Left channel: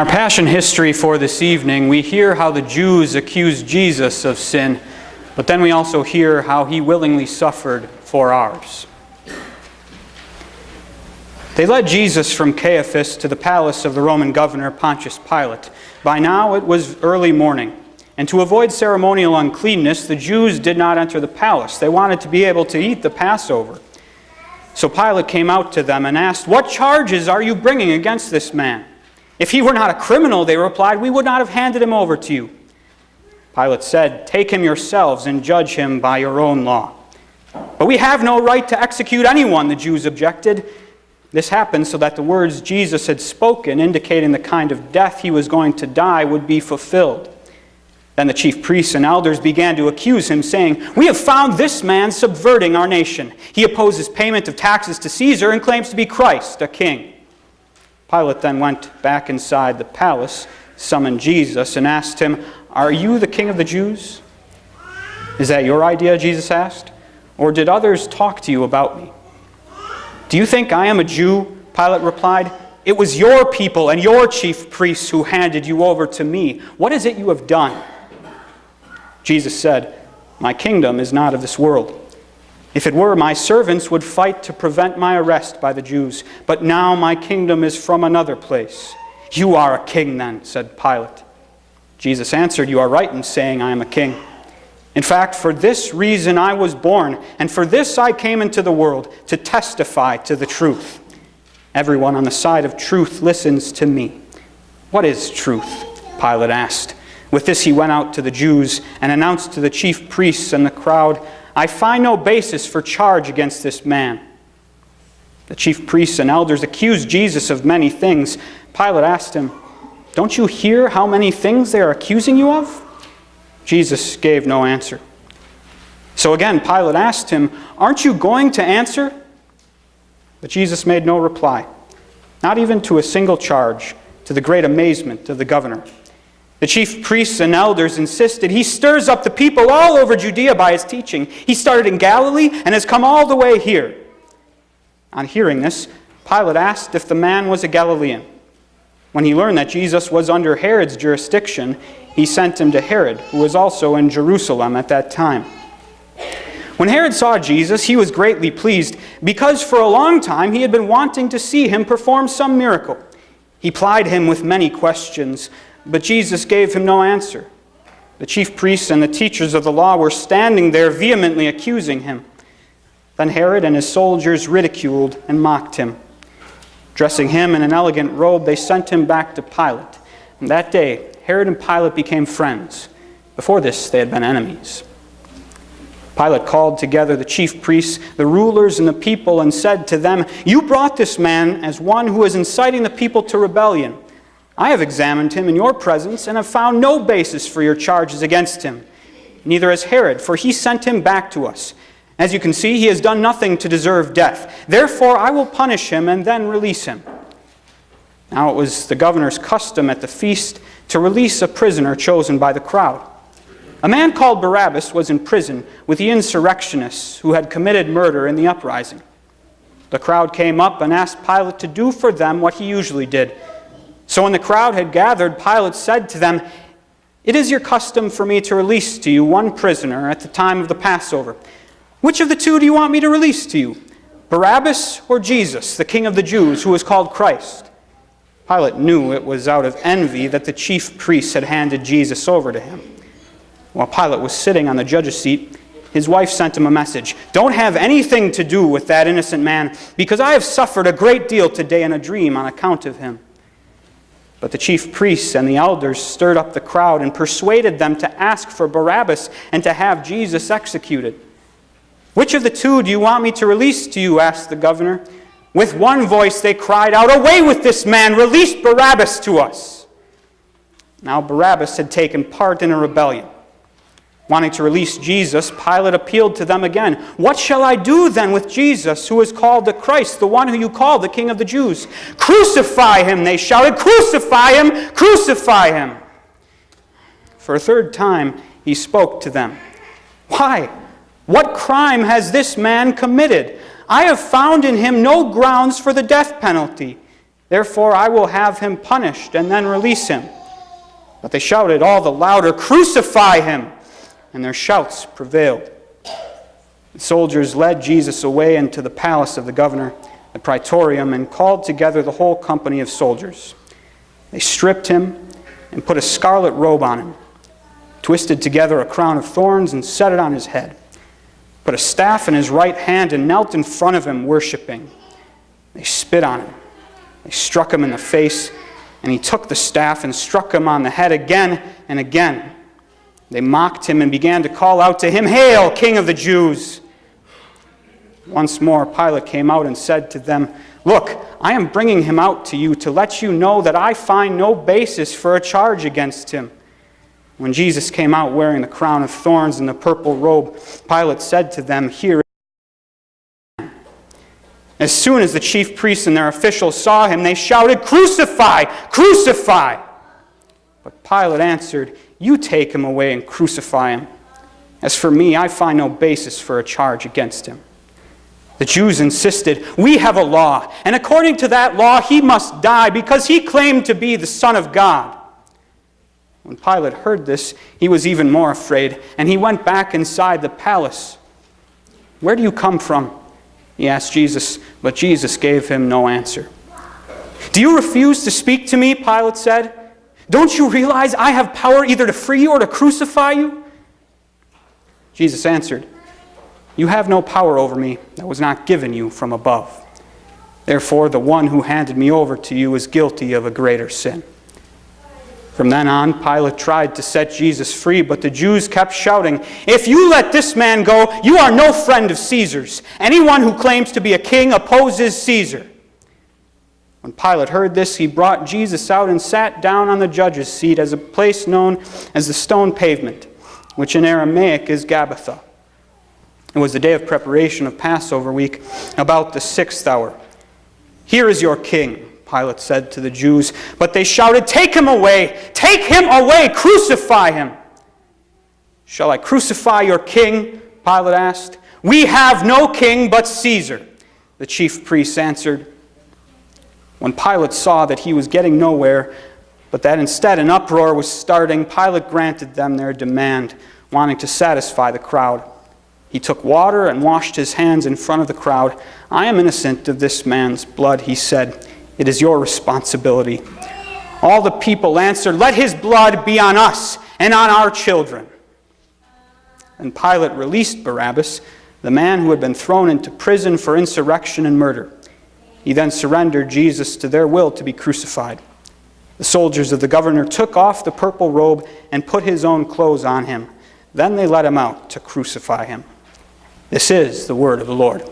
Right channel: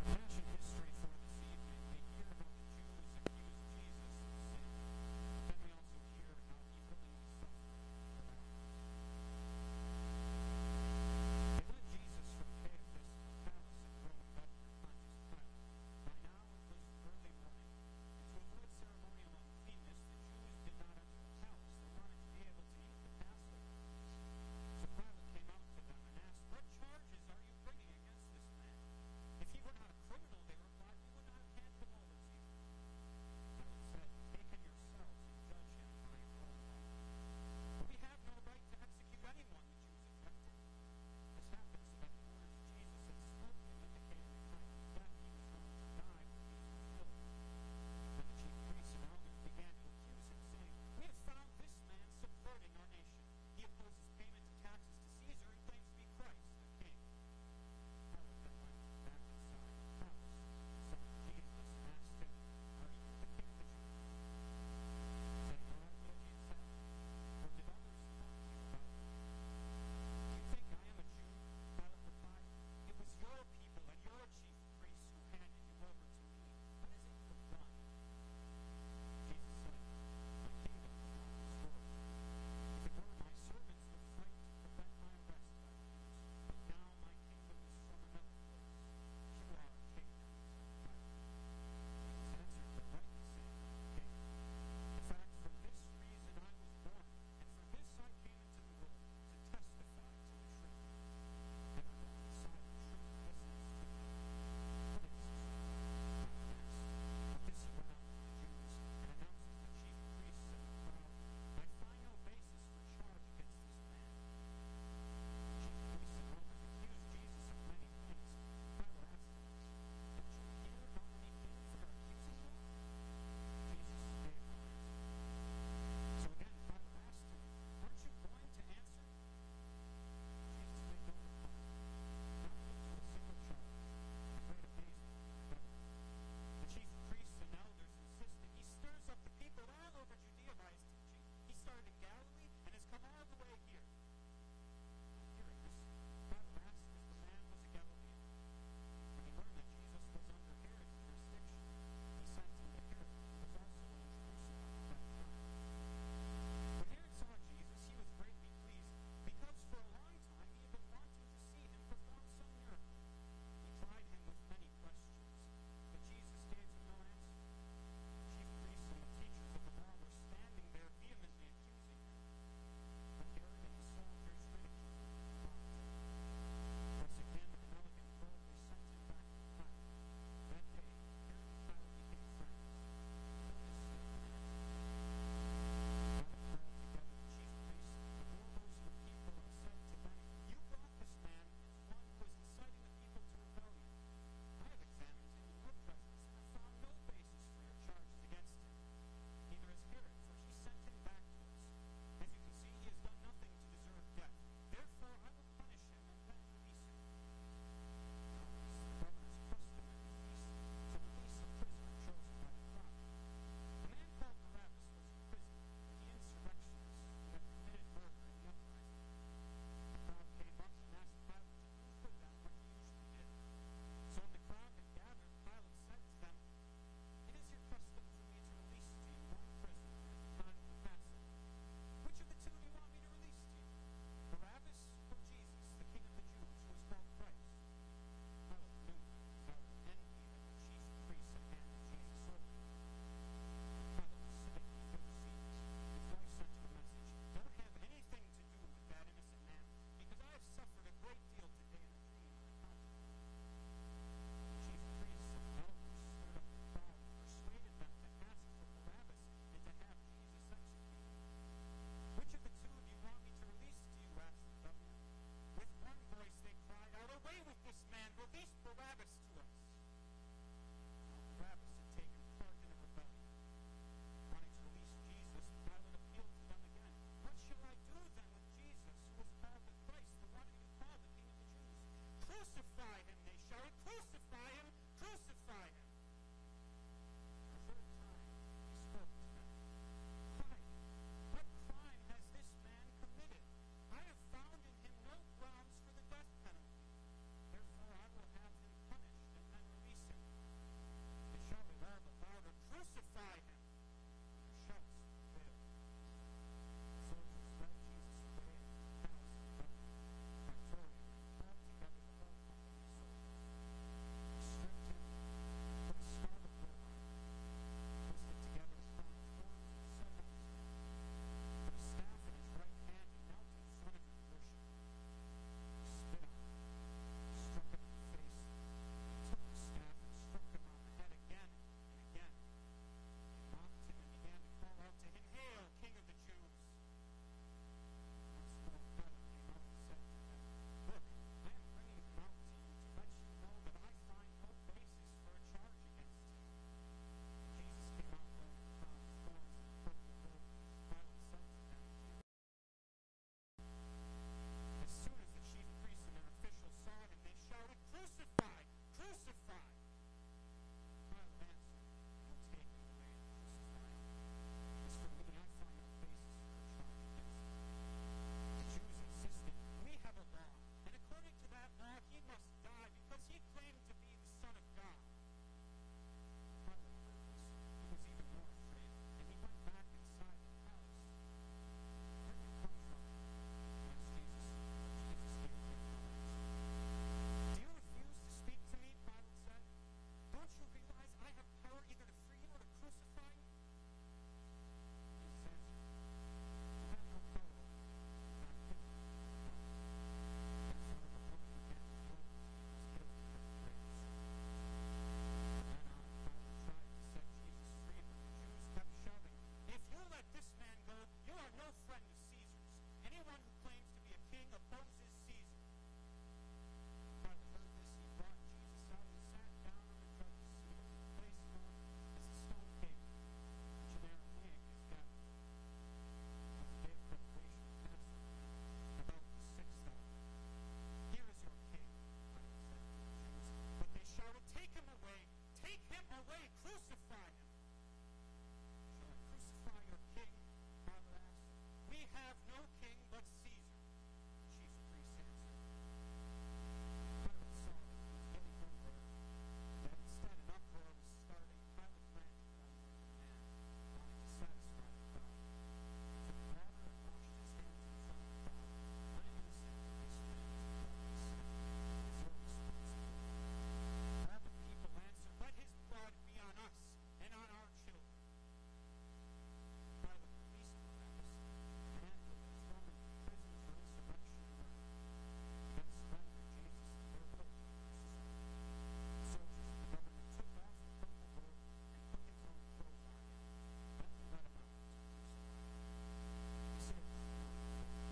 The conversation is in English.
In our passion history for this evening, we hear how the Jews accused Jesus of sin, but then we also hear how he willingly suffered for ours. They led Jesus from Caiaphas to the palace of the Roman governor Pontius Pilate. By now it was early morning, and to avoid ceremonial uncleanness, the Jews did not enter the palace. They wanted to be able to eat the Passover. So Pilate came out to them and asked, "What charges are you bringing against this man? If he were not a criminal," they replied, "we would not have handed him over to you." Pilate said, "Take him yourselves and judge him by your own law." "But we have no right to execute anyone," the Jews objected. This happened so that the words Jesus had spoken, indicating the kind of death he was going to die, would be fulfilled. Then the chief priests and elders began to accuse him, saying, "We have found this man subverting our nation. He opposes payment of taxes to Caesar and claims to be Christ, a king." Pilate then went back inside the palace, summoned Jesus, and asked him, "Are you the king of the Jews?" "Is that your idea?" Jesus asked. "Or did others talk to you about me?" "Do you think I am a Jew?" Pilate replied. "It was your people and your chief priests who handed you over to me. What is it you have done?" Jesus said, "My kingdom is not of this world. If it were, my servants would fight to prevent my arrest by the Jews. But now my kingdom is from another place." "You are a king then," said Pilate. Jesus answered, "You are right in saying I am a king. In fact, for this reason I was born, and for this I came into the world, to testify to the truth. Everyone on the side of truth listens to me." "What is truth?" Pilate asked. With this he went out to the Jews and announced to the chief priests and the crowd, "I find no basis for charge against this man." The chief priests and elders accused Jesus of many things. Pilate asked him, "Don't you hear how many things they are accusing you of?" Jesus gave no answer. So again Pilate asked him, "Aren't you going to answer?" But Jesus made no reply, not even to a single charge, to the great amazement of the governor. The chief priests and elders insisted, "He stirs up the people all over Judea by his teaching. He started in Galilee and has come all the way here." On hearing this, Pilate asked if the man was a Galilean. When he learned that Jesus was under Herod's jurisdiction, he sent him to Herod, who was also in Jerusalem at that time. When Herod saw Jesus, he was greatly pleased, because for a long time he had been wanting to see him perform some miracle. He plied him with many questions, but Jesus gave him no answer. The chief priests and the teachers of the law were standing there vehemently accusing him. Then Herod and his soldiers ridiculed and mocked him. Dressing him in an elegant robe, they sent him back to Pilate. And that day, Herod and Pilate became friends. Before this, they had been enemies. Pilate called together the chief priests, the rulers, and the people, and said to them, "You brought this man as one who is inciting the people to rebellion. I have examined him in your presence and have found no basis for your charges against him. Neither has Herod, for he sent him back to us. As you can see, he has done nothing to deserve death. Therefore, I will punish him and then release him." Now it was the governor's custom at the feast to release a prisoner chosen by the crowd. A man called Barabbas was in prison with the insurrectionists who had committed murder in the uprising. The crowd came up and asked Pilate to do for them what he usually did. So when the crowd had gathered, Pilate said to them, "It is your custom for me to release to you one prisoner at the time of the Passover. Which of the two do you want me to release to you, Barabbas or Jesus, the King of the Jews, who is called Christ?" Pilate knew it was out of envy that the chief priests had handed Jesus over to him. While Pilate was sitting on the judge's seat, his wife sent him a message. "Don't have anything to do with that innocent man, because I have suffered a great deal today in a dream on account of him." But the chief priests and the elders stirred up the crowd and persuaded them to ask for Barabbas and to have Jesus executed. "Which of the two do you want me to release to you?" asked the governor. With one voice they cried out, "Away with this man! Release Barabbas to us!" Now Barabbas had taken part in a rebellion. Wanting to release Jesus, Pilate appealed to them again. "What shall I do then with Jesus, who is called the Christ, the one who you call the King of the Jews?" "Crucify him!" they shouted. "Crucify him! Crucify him!" For a third time he spoke to them. "Why? What crime has this man committed? I have found in him no grounds for the death penalty. Therefore I will have him punished and then release him." But they shouted all the louder, "Crucify him!" And their shouts prevailed. The soldiers led Jesus away into the palace of the governor, the praetorium, and called together the whole company of soldiers. They stripped him and put a scarlet robe on him, twisted together a crown of thorns and set it on his head, put a staff in his right hand and knelt in front of him, worshiping. They spit on him. They struck him in the face, and he took the staff and struck him on the head again and again. They mocked him and began to call out to him, "Hail, King of the Jews!" Once more Pilate came out and said to them, "Look, I am bringing him out to you to let you know that I find no basis for a charge against him." When Jesus came out wearing the crown of thorns and the purple robe, Pilate said to them, "Here." As soon as the chief priests and their officials saw him, they shouted, "Crucify! Crucify!" But Pilate answered, "You take him away and crucify him. As for me, I find no basis for a charge against him." The Jews insisted, "We have a law, and according to that law he must die because he claimed to be the Son of God." When Pilate heard this, he was even more afraid, and he went back inside the palace. "Where do you come from?" he asked Jesus, but Jesus gave him no answer. "Do you refuse to speak to me?" Pilate said. "Don't you realize I have power either to free you or to crucify you?" Jesus answered, "You have no power over me that was not given you from above. Therefore, the one who handed me over to you is guilty of a greater sin." From then on, Pilate tried to set Jesus free, but the Jews kept shouting, "If you let this man go, you are no friend of Caesar's. Anyone who claims to be a king opposes Caesar." When Pilate heard this, he brought Jesus out and sat down on the judge's seat as a place known as the stone pavement, which in Aramaic is Gabbatha. It was the day of preparation of Passover week, about the 6th hour. "Here is your king," Pilate said to the Jews, but they shouted, "Take him away! Take him away! Crucify him!" "Shall I crucify your king?" Pilate asked. "We have no king but Caesar," the chief priests answered. When Pilate saw that he was getting nowhere, but that instead an uproar was starting, Pilate granted them their demand, wanting to satisfy the crowd. He took water and washed his hands in front of the crowd. "I am innocent of this man's blood," he said. "It is your responsibility." All the people answered, "Let his blood be on us and on our children." And Pilate released Barabbas, the man who had been thrown into prison for insurrection and murder. He then surrendered Jesus to their will to be crucified. The soldiers of the governor took off the purple robe and put his own clothes on him. Then they let him out to crucify him. This is the word of the Lord.